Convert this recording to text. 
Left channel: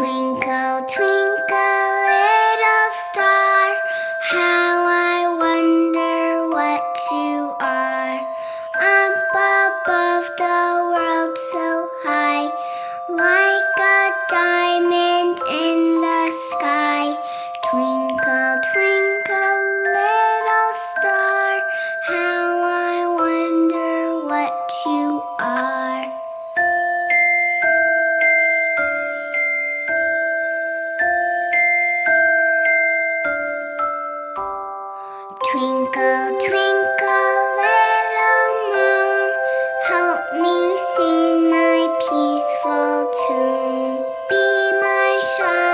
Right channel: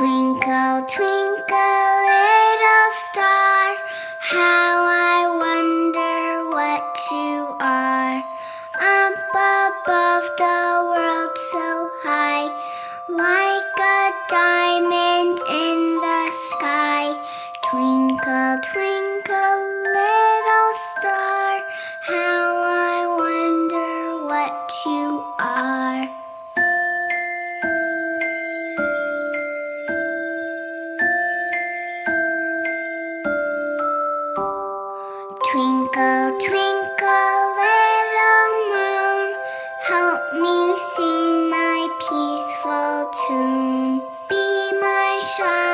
Twinkle, twinkle, little star, how I wonder what you are. Up above the world so high, like a diamond in the sky. Twinkle, twinkle, little star, how I wonder what you are. Twinkle, twinkle, little moon, help me sing my peaceful tune. Be my shine.